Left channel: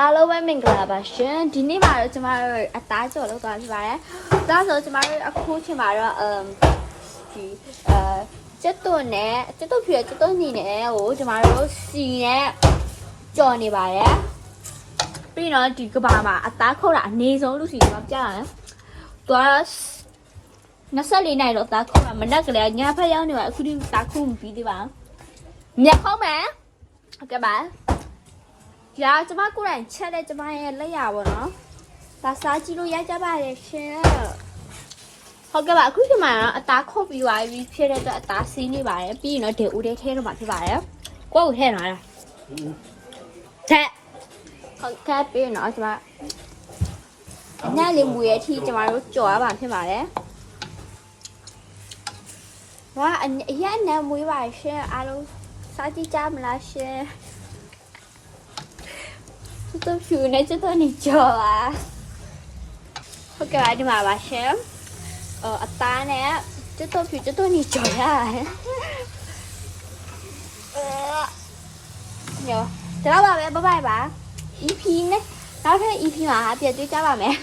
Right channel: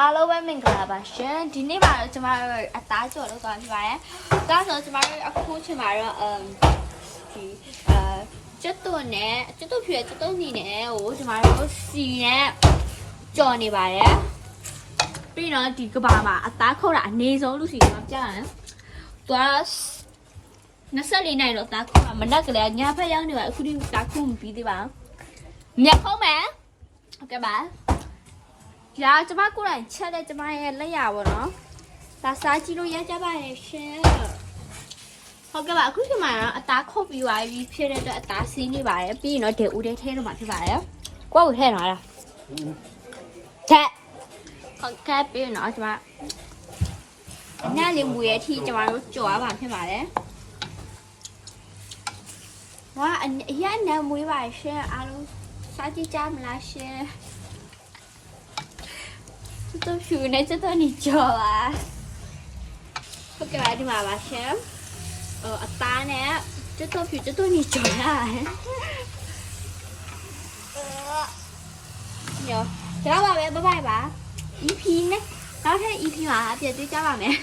အားလုံးပဲမင်္ဂလာပါရှင်ဒီနေ့မှာတော့ကျမတို့အသားကြော်လောက်သွားဖြစ်ပါတယ်။ဒါဆိုကျမတို့အခုချိန်မှာတော့ဒီကျက်သွန်နဲ့ကျက်သွန်ဖြူကျက်သွန်နေနဲ့ကိုကျမတို့စီနဲ့ကြော်နေပါတယ်။ပြီးတော့ဒီကဘာမှာအသားခုတ်တာအနေဆုံးလို့စီကျမပြရတယ်။သူက24နိုင်တော့အသားခုတ်တာမနက်ကလေးညဖက်ရောက်နေမှာအခုဒီအသားခုတ်မပြီးသေးပါဘူး။မြက်ခုတ်မယ်။ဟုတ်ကဲ့ပါ။ဒါကျမကိုယ်တိုင်ချက်တဲ့ကျမရဲ့လက်ရပါတော့။ဒါစားကြည့်လို့ရကြပါရဲ့ရှင်။ဟုတ်ကဲ့ပါအခုဒီမှာတော့အသားခုတ်ပြီးသွားပြီဖြစ်တဲ့အတွက်အသားစီးနေပါတယ်ပြီးရင်တော့ဒေဦးတဲ့ထဲတော့မှာဖြစ်ပါတယ်။ကိုယ့်ကိုထဲနော်လား။ထဲဟုတ်ကဲ့ပြီးရင်တော့ကျမညလေးမူရဲ့အထိကျမတို့ကြော်ရပါဖြစ်ပါတယ်။ဝါအရင်နဲ့မွေးပါရှင်အားလုံးစားကြည့်ကြမလားရှင်။都是那这都你教啊？我给来的嘛吧先，打呢，这都是这都你教呀？有，知道吧没？拜拜吧。一批呢？然后这一批嘛，别对家吧没？